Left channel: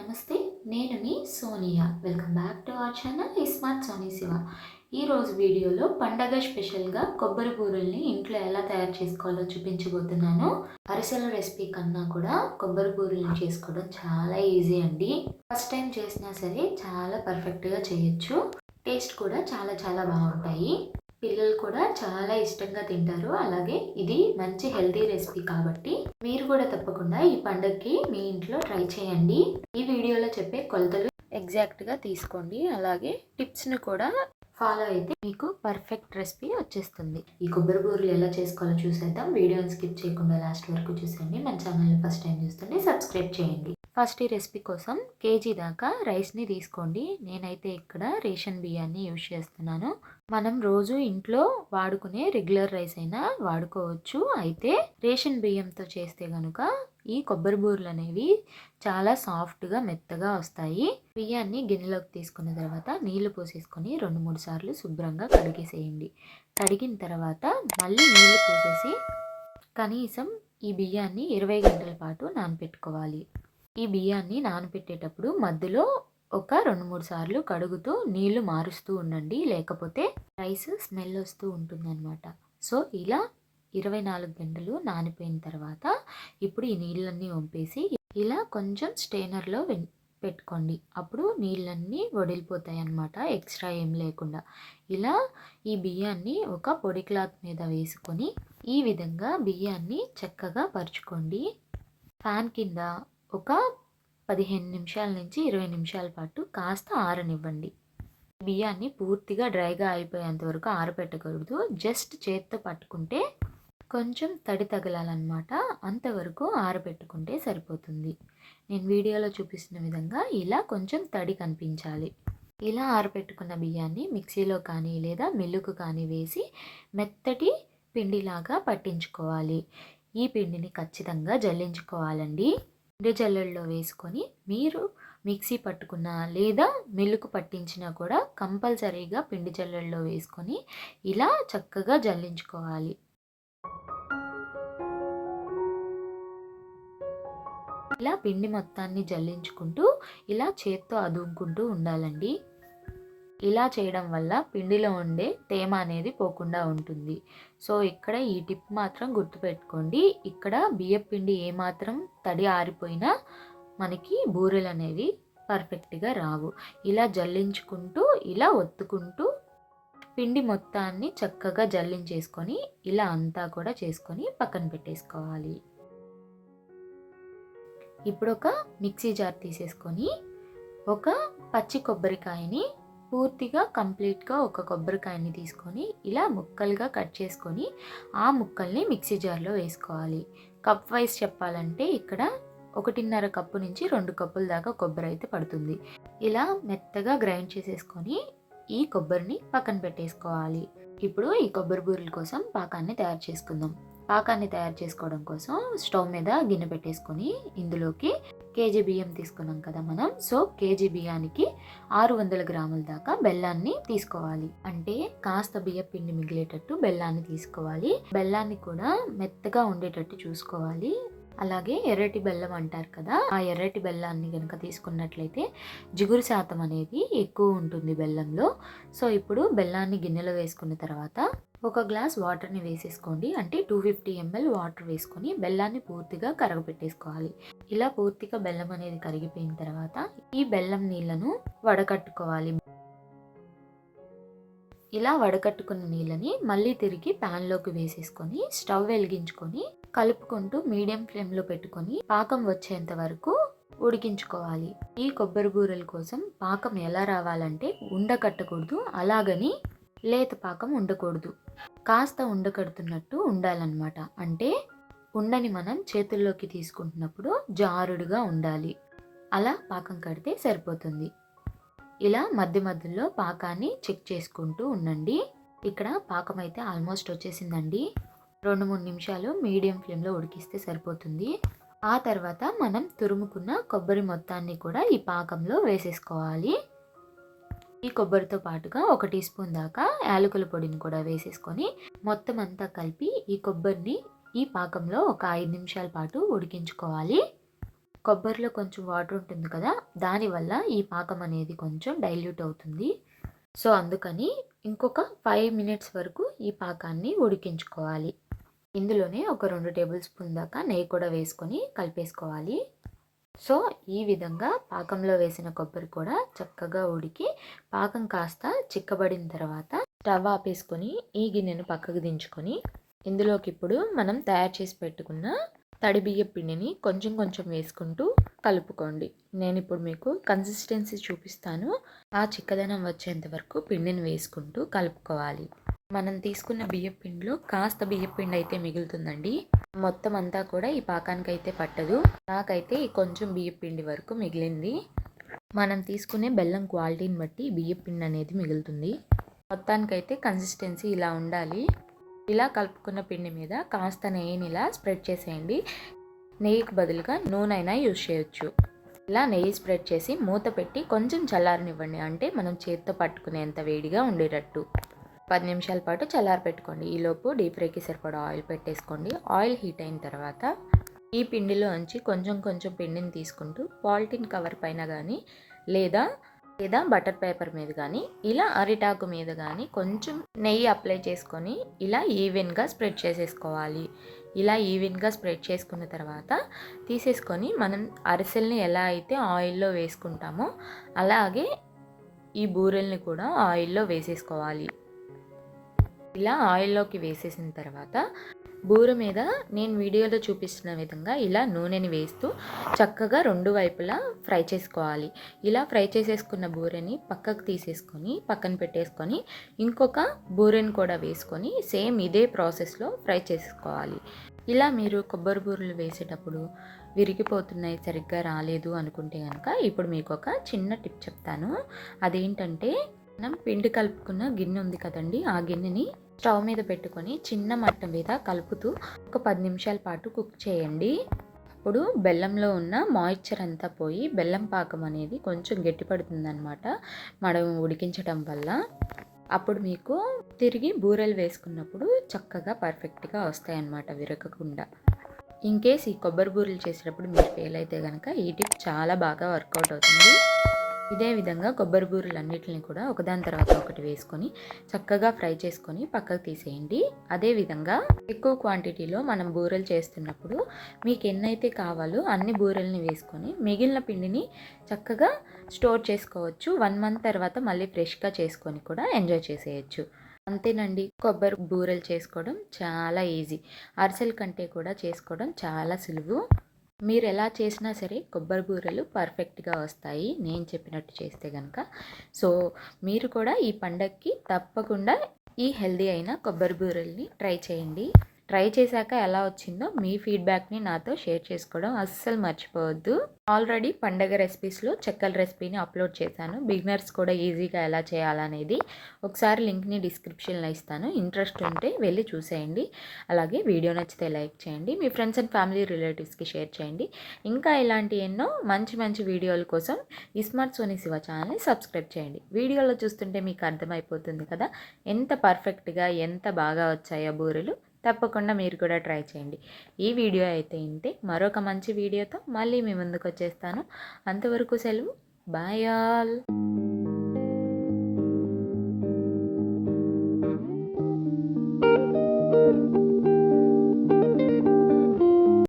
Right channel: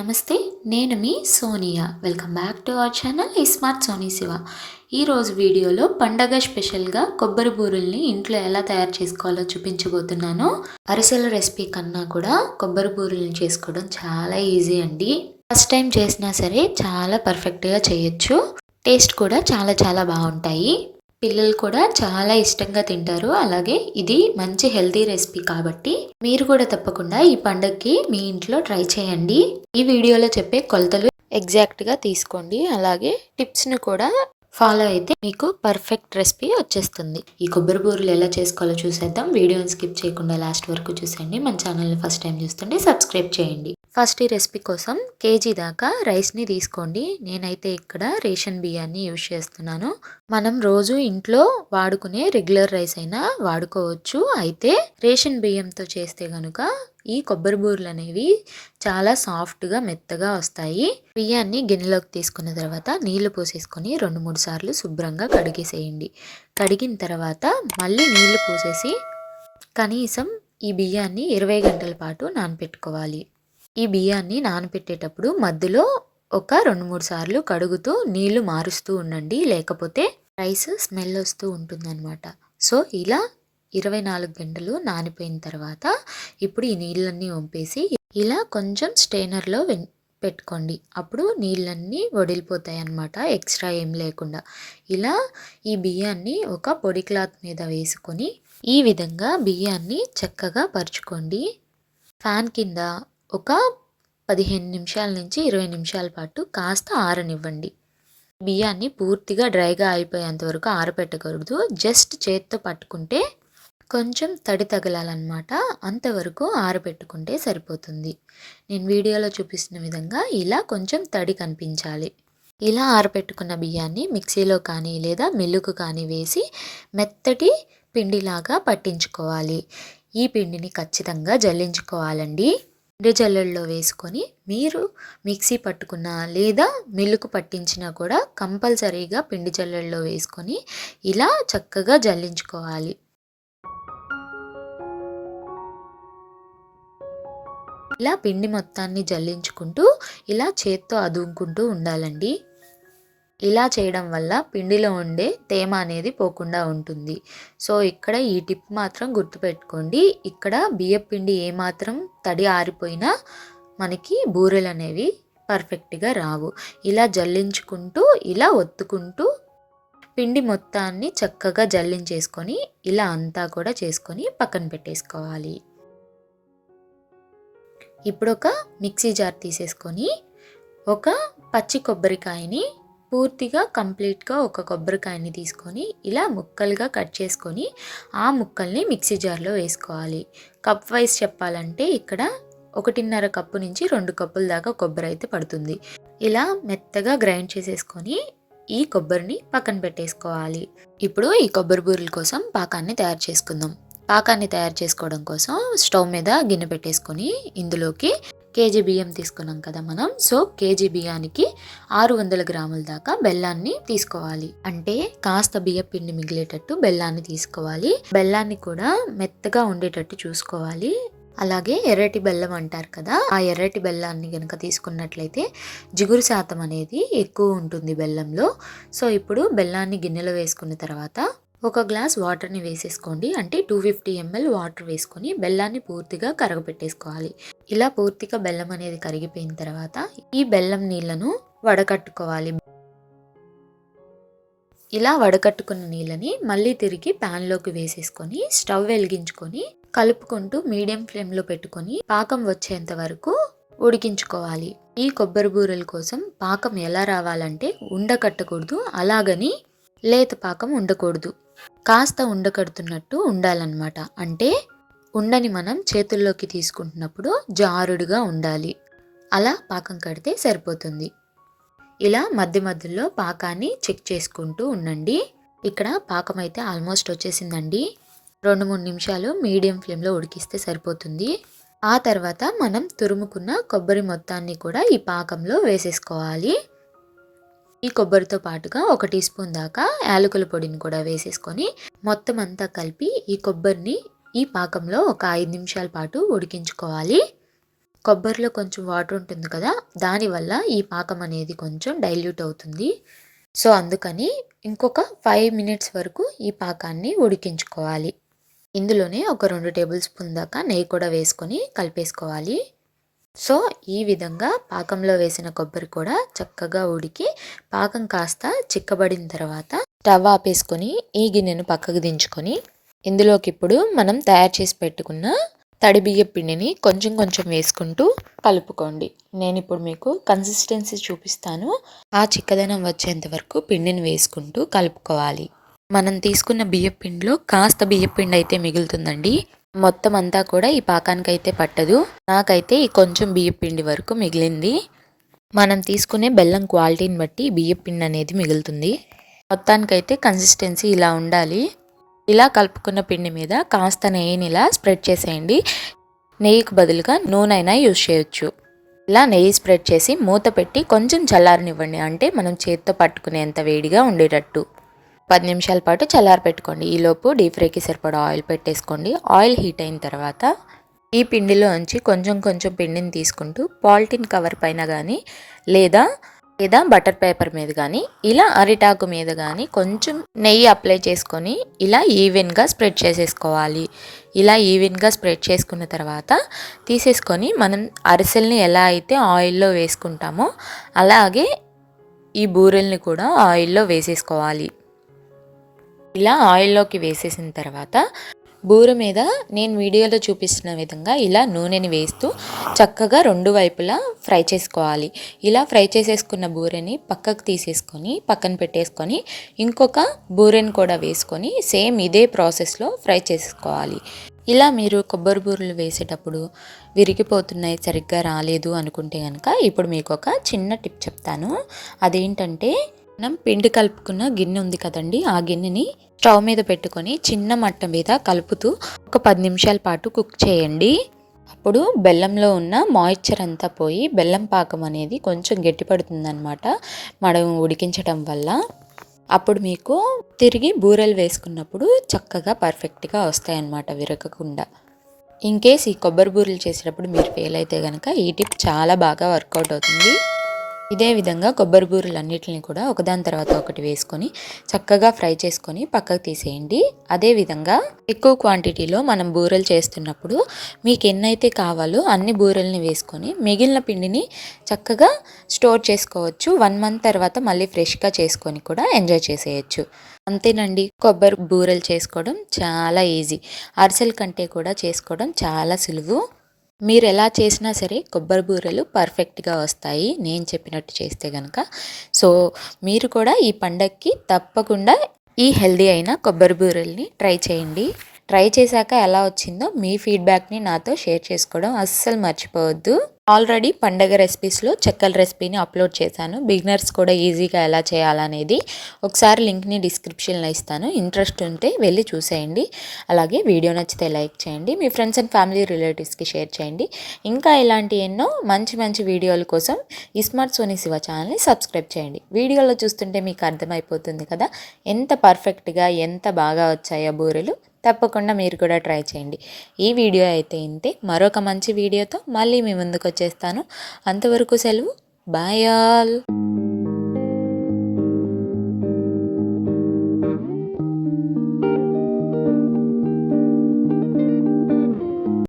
నమస్తే. నేను మీ Sonia. Welcome back to our channel smart Soni Shiva. ఈరోజు వీడియోలో పండగ స్పెషల్గా కొబ్బరి బూరెల్ని ఇంట్లో ఎలా తయారు చేసుకోవాలో చూపించబోతున్నాను. అరిసెల రెసిపీ కన్నా కూడా కొబ్బరి బూరెల్ని చేసుకోవడం చాలా ఈజీ అండి. ఫస్ట్ టైం చేసినా సరే చాలా పర్ఫెక్ట్గా చేయొచ్చు. టేస్ట్ కూడా చాలా చాలా బాగుంటాయి. పిల్లలు కూడా చాలా ఇష్టంగా తింటారు. అలాగే ఇది మంచి హెల్తీ రెసిపీ కాబట్టి మీరు కూడా తప్పకుండా ఈ పండగకి మీ ఇంట్లో ట్రై చేయండి. ఈ వీడియోలో చెప్పే కొలతలు ఎగ్జాక్ట్గా తీసుకోండి. అలాగే టిప్స్ను కూడా ఫాలో అయితే మీకు పర్ఫెక్ట్ రెసిపీ వచ్చేస్తుంది. ఈ కొబ్బరి బూరెలు ఎలా చేసుకోవాలో చూసేద్దాం. వీడియోని స్కిప్ చేయకుండా లాస్ట్ వరకు చూసేయండి. మన ఛానల్ని ఫస్ట్ టైం చూస్తుంటే సబ్స్క్రైబ్ చేయండి. ఫస్ట్ ఈ రెసిపీ కోసం కేజీ దాకా రైస్ని తీసుకోండి. నేనైతే ఇక్కడ రేషన్ బియ్యాన్ని యూజ్ చేస్తున్నాను. మనం రోజు ఇంట్లో వాడుకునే రెగ్యులర్ రైస్ అయినా వాడుకోవచ్చు. అయితే రేషన్ బియ్యంతో చేస్తే కనుక ఈ కొబ్బరి బూరెలు అనేవి చాలా సాఫ్ట్గా మెత్తగా వస్తాయి. బియ్యాన్ని గిన్నెలోకి తీసుకున్న తర్వాత నీళ్లు పోసేసుకొని 2-3 సార్లు శుభ్రంగా కడిగేసేయండి. కడిగిన తర్వాత మళ్ళీ నీళ్లు పోసేసి కనీసం ఈ బియ్యాన్ని 20 గంటల పాటు నానపెట్టుకోవాలి. ఈ బియ్యాన్ని నానబెట్టేటప్పుడు మధ్యలో ఒక 2-3 సార్లు కడుగుతూ నీళ్లు మారుస్తూ ఉండండి. లేకపోతే రైస్ స్మెల్ వస్తూ ఉంటుందన్నమాట. సో ఇలా 24 గంటలు నానిపోయిన తర్వాత ఇప్పుడు ఈ నీళ్ళన్నీ వంపేసి ఇలా కొంచెం స్టెయినర్లో పెట్టుకోండి. అప్పుడు నీళ్ళన్నీ వడిలిపోతాయి అన్నమాట, ఎక్స్ట్రా ఏం లేకుండా. ఇలా ఈ బియ్యాన్ని ఒక పొడి క్లాత్ మీద వేసుకొని ఈ విధంగా బియ్యాన్ని చక్కగా పరుచుకోండి. ఫ్యాన్ కింద ఒక 15 నిమిషాల నుంచి 20 నిమిషాల పాటు కాస్త ఆరనివ్వండి. బియ్యాన్ని పూర్తిగా డ్రైగా అయిపోయేంత వరకు ఆరబెట్టకూడదు. జస్ట్ చేత్తో పట్టుకుంటే కొంచెం తడి తగలాలన్నమాట. అంతవరకు ఆరబెట్టుకుంటే సరిపోతుంది. నేను వీడియోలో చూపిస్తున్న విధంగా ఇలా కొంచెం తడి కనిపించాలి. ఇలా ఆరబెట్టుకున్న బియ్యాన్ని మిక్సీలో కానీ లేదా మిల్లుకు కానీ వేసి మెత్తటి పిండిలాగా పట్టించుకోవాలి. ఈ పిండిని ఖచ్చితంగా జల్లించుకోవాలండి. పిండి జల్లెడలో వేసుకొని మీరు మిక్సీ పట్టుకున్నా లేదా మిల్లుకు పట్టించినా కూడా కంపల్సరీగా పిండి జల్లెడలో వేసుకొని ఇలా చక్కగా జల్లించుకోవాలి. ఇలా పిండి మొత్తాన్ని జల్లించుకుంటూ ఇలా చేత్తో అదుముకుంటూ ఉండాలండి. ఇలా చేయడం వల్ల పిండిలో ఉండే తేమ అనేది పోకుండా ఉంటుంది. సో ఇక్కడ ఈ టిప్ మాత్రం గుర్తుపెట్టుకోండి. ఇక్కడ బియ్యం పిండి ఏమాత్రం తడి ఆరిపోయినా మనకి బూరెలు అనేవి పర్ఫెక్ట్గా రావు. ఇలా జల్లించుకుంటూ ఇలా ఒత్తుకుంటూ పిండి మొత్తాన్ని చక్కగా జల్లించేసుకొని ఇలా అంతా కూడా చేసుకొని పక్కన పెట్టేసుకోవాలి. ఇప్పుడు ఒక మిక్సీ జార్ తీసేసుకొని ఒక పచ్చి కొబ్బరికాయని పూర్తిగా కంప్లీట్గా ఒక కొబ్బరికాయని తీసుకొని ఇలా ముక్కలుగా కట్ చేసుకొని ఆ ముక్కల్ని మిక్సీ జార్లో వేసుకోవాలి. కప్ వైజ్ చెప్పాలంటే ఇక్కడ 1.5 కప్పు నుంచి 2 కప్పుల దాకా కొబ్బరి అయితే పడుతుంది. ఇలా మెత్తగా గ్రైండ్ చేసేసుకొని ఈ కొబ్బరిని పక్కన పెట్టేసుకోవాలి. ఇప్పుడు ఈ కొబ్బరి బూరెల కోసం పాకాన్ని తయారు చేసుకుందాం. పాకాన్ని తయారు చేసుకోవడం కోసం స్టవ్ మీద గిన్నె పెట్టేసుకొని ఇందులోకి కేజీ బియ్యం తీసుకున్నాం కదా మనం. సో కేజీ బియ్యానికి 600 గ్రాముల దాకా బెల్లాన్ని తీసుకోవాలి. అంటే కాస్త బియ్య పిండి మిగిలేటట్టు బెల్లాన్ని తీసుకోవాలి. బెల్లాన్ని కూడా మెత్తగా ఉండేటట్టు చూసుకోవాలి. అలాగే ఎర్రటి బెల్లం అంటారు కదా, ఆ ఎర్రటి బెల్లాన్ని కనుక తీసుకున్నట్లయితే జిగురు శాతం అనేది ఎక్కువ ఉంటుంది బెల్లంలో. సో ఇప్పుడు బెల్లాన్ని గిన్నెలో వేసుకున్న తర్వాత ఒక గ్లాస్ వాటర్ని వేసేసుకోండి. అంటే 250 ml వాటర్ వేసుకొని బెల్లాన్ని పూర్తిగా కరగపెట్టేసుకోవాలి. ఇలా పూర్తిగా బెల్లం అనేది కరిగిపోయిన తర్వాత ఈ బెల్లం నీళ్లను వడకట్టుకోవాలి. ఇలా వడకట్టుకున్న నీళ్ళని మళ్ళీ తిరిగి ప్యాన్లోకి వేసేసుకొని స్టవ్ వెలిగించుకొని కలుపుకుంటూ మీడియం ఫ్లేమ్లో పెట్టుకొని పాకం వచ్చేంత వరకు ఉడికించుకోవాలి. ఈ కొబ్బరి బూరెల కోసం పాకం ఎలా రావాలంటే ఉండకట్టకూడదు, అలాగని లేత పాకం ఉండకూడదు. కాస్త ఉండకడుతున్నట్టు ఉండాలన్నమాట. అంటే ఉండని మనం చేతుల్లోకి తీసుకుంటున్నప్పుడు జారుడుగా ఉండాలి. అలా పాకం కడితే సరిపోతుంది. ఇలా మధ్య మధ్యలో పాకాన్ని చెక్ చేసుకుంటూ ఉండండి. ఇక్కడ పాకం అయితే ఆల్మోస్ట్ వచ్చేసిందండి. 2-3 నిమిషాలు మీడియం ఫ్లేమ్లో ఉడికిస్తే సరిపోతుంది. ఆ తర్వాత మనం తురుముకున్న కొబ్బరి మొత్తాన్ని కూడా ఈ పాకంలో వేసేసుకోవాలి. ఈ కొబ్బరితో పాటుగా 1 టీ స్పూన్ దాకా యాలకుల పొడిని కూడా వేసేసుకొని మొత్తం అంతా కలిపి ఈ కొబ్బరిని ఈ పాకంలో ఒక 5 నిమిషాల పాటు ఉడికించుకోవాలి. కొబ్బరిలో కొంచెం వాటర్ ఉంటుంది కదా, దానివల్ల ఈ పాకం అనేది కొంచెం డైల్యూట్ అవుతుంది. సో అందుకని ఇంకొక 5 మినిట్స్ వరకు ఈ పాకాన్ని ఉడికించుకోవాలి. ఇందులోనే ఒక 2 టేబుల్ స్పూన్ దాకా నెయ్యి కూడా వేసుకొని కలిపేసుకోవాలి. సో ఈ విధంగా పాకంలో వేసిన కొబ్బరి కూడా చక్కగా ఉడికి పాకం కాస్త చిక్కబడిన తర్వాత స్టవ్ ఆపేసుకొని ఈ గిన్నెను పక్కకు దించుకొని ఇందులోకి ఇప్పుడు మనం తయారు చేసి పెట్టుకున్న తడి బియ్యం పిండిని కొంచెం కొంచెం వేసుకుంటూ కలుపుకోండి. నేను ఇప్పుడు మీకు కన్సిస్టెన్సీ చూపిస్తాను. ఆ చిక్కదనం వచ్చేంత వరకు పిండిని వేసుకుంటూ కలుపుకోవాలి. మనం తీసుకున్న బియ్యం పిండిలో కాస్త బియ్యం పిండి అయితే మిగులుతుందండి. మొత్తం అంతా కూడా ఈ పాకానికి అయితే పట్టదు. నాకైతే ఈ కొంచెం బియ్యం పిండి వరకు మిగిలింది. మనం తీసుకునే బెల్లం క్వాలిటీని బట్టి బియ్యం పిండి అనేది మిగులుతుంది. మొత్తానికైతే కన్సిస్టెన్సీ ఇలా ఉండాలి. ఇలా కలుపుకున్న పిండి మీద కాస్త నెయ్యిని ఇలా స్ప్రెడ్ చేసేయండి. నెయ్యికి బదులుగా నూనె అయినా యూజ్ చేయొచ్చు. ఇలా నెయ్యి స్ప్రెడ్ చేసి మూత పెట్టి కొంచెం చల్లారనివ్వండి. అంటే మనం చేత్తో పట్టుకునేంత వేడిగా ఉండేటట్టు 10 నిమిషాల పాటు చల్లారి పెట్టుకోండి. ఈలోపు డీప్ ఫ్రైకి సరిపడా ఆయిల్ పెట్టేసుకోండి. ఆయిల్ హీట్ అయిన తర్వాత ఈ పిండిలోంచి కొంచెం కొంచెం పిండిని తీసుకుంటూ పాలిథిన్ కవర్ పైన కానీ లేదా బటర్ పేపర్ మీద కానీ ఇలా అరిటాకు మీద కానీ కొంచెం నెయ్యి అప్లై చేసుకొని ఇలా ఈవెన్గా స్ప్రెడ్ చేసేసుకోవాలి. ఇలా ఈవెన్గా స్ప్రెడ్ చేసుకున్న తర్వాత తీసేసుకొని మనం అరిసెల్ని ఎలా అయితే ఆయిల్లో వేసుకుంటామో అలాగే ఈ బూరెల్ని కూడా ఆయిల్లో వేసేసుకోవాలి. ఇలా ఆయిల్లోకి వేసేసిన తర్వాత బూర మీద నేను వీడియోలో చూపిస్తున్న విధంగా ఇలా నూనెని వేస్తూ చక్కగా 2 వైపులా ఫ్రై చేసుకోవాలి. ఇలా ఫ్రై చేసేసుకున్న బూరెని పక్కకు తీసేసుకొని పక్కన పెట్టేసుకొని ఇంకొక బూరెని కూడా వేసుకొని సేమ్ ఇదే ప్రాసెస్లో ఫ్రై చేసుకోవాలి. ఇలా మీరు కొబ్బరి బూరెలు వేసేటప్పుడు విరిగిపోతున్నాయి, సరిగ్గా రాలేదు అనుకుంటే కనుక ఇప్పుడు మీకు ఒక చిన్న టిప్ చెప్తాను. అదేంటంటే మనం పిండి కలుపుకున్న గిన్నె ఉంది కదండి, ఆ గిన్నెని స్టవ్ మీద పెట్టుకొని చిన్న మంట మీద కలుపుతూ ఒక 10 నిమిషాల పాటు కుక్ చేయండి. అప్పుడు బెల్లంలో ఉన్న మాయిశ్చర్ అంతా పోయి బెల్లం పాకం అనేది కొంచెం గట్టిపడుతుందన్నమాట మనం ఉడికించడం వల్ల. అప్పుడు మీకు తిరిగి బూరెలు వేసుకున్నప్పుడు చక్కగా పర్ఫెక్ట్గా వస్తాయన్నమాట, విరగకుండా. ఇన్కేస్ ఈ కొబ్బరి బూరెలు చేసేటప్పుడు మీరు ఫెయిల్ అయితే కనుక ఈ టిప్ చాలా బాగా వర్కౌట్ అవుతుంది. ఇదే విధంగా కొబ్బరి బూరెలన్నిటిని కూడా ఒకదాని తర్వాత ఒకటి వేసుకొని చక్కగా ఫ్రై చేసుకొని పక్కకు తీసేయండి. అదేవిధంగా ఎక్కువ క్వాంటిటీలో మనం బూరెలు చేస్తున్నప్పుడు మీకు ఎన్నైతే కావాలో అన్ని బూరెల్ని వేసుకొని మిగిలిన పిండిని చక్కగా స్టోర్ చేసుకోవచ్చు. 1 మంత్ తర్వాత మళ్ళీ ఫ్రెష్గా చేసుకొని కూడా ఎంజాయ్ చేసేయచ్చు. అంతేనండి, కొబ్బరి బూరెలు చేసుకోవడం చాలా ఈజీ. అరిసెల కంటే కూడా చేసుకోవడం చాలా సులువు. మీరు ఎలా చేసినా సరే కొబ్బరి బూరెలు పర్ఫెక్ట్గా వస్తాయి నేను చెప్పినట్టు చేస్తే కనుక. సో మీరు కూడా ఈ పండగకి తప్పకుండా ఈ హెల్దీ అయిన కొబ్బరి బూరెల్ని ట్రై చేయండి. ట్రై చేశాక ఎలా వచ్చిందో మీ ఫీడ్బ్యాక్ని నాతో షేర్ చేసుకోవడం అస్సలు మర్చిపోవద్దు. ఆల్రెడీ పండగ రెసిపీస్లో చెక్కల రెసిపీని అప్లోడ్ చేశాను. బిగినర్స్ కూడా ఈజీగా ఎలా చేయాలనేది ఒకసారి లింక్ని డిస్క్రిప్షన్లో ఇస్తాను. ఇంట్రెస్ట్ ఉంటే వెళ్ళి చూసేయండి. అలాగే వీడియో నచ్చితే లైక్ చేయండి. మీ ఫ్రెండ్స్ అండ్ ఫ్యామిలీ రిలేటివ్స్కి షేర్ చేయండి. ఇంకా ఇలాంటి ఎన్నో మంచి మంచి వీడియోల కోసం ఇస్మార్ట్ సోనీ శివ ఛానల్ని సబ్స్క్రైబ్ చేయండి. వీడియోలో చూస్తుంటే మీకు అర్థమైపోతుంది కదా ఎంత పర్ఫెక్ట్గా ఎంత బాగా వచ్చాయో బూరెలు. తప్పకుండా మీరు కూడా ట్రై చేయండి. ఈ వీడియో అయితే ఇంతే. మరొక మంచి వీడియోతో మళ్ళీ మీ ముందుకు వచ్చేస్తాను. అంతవరకు సెలవు. Bye all.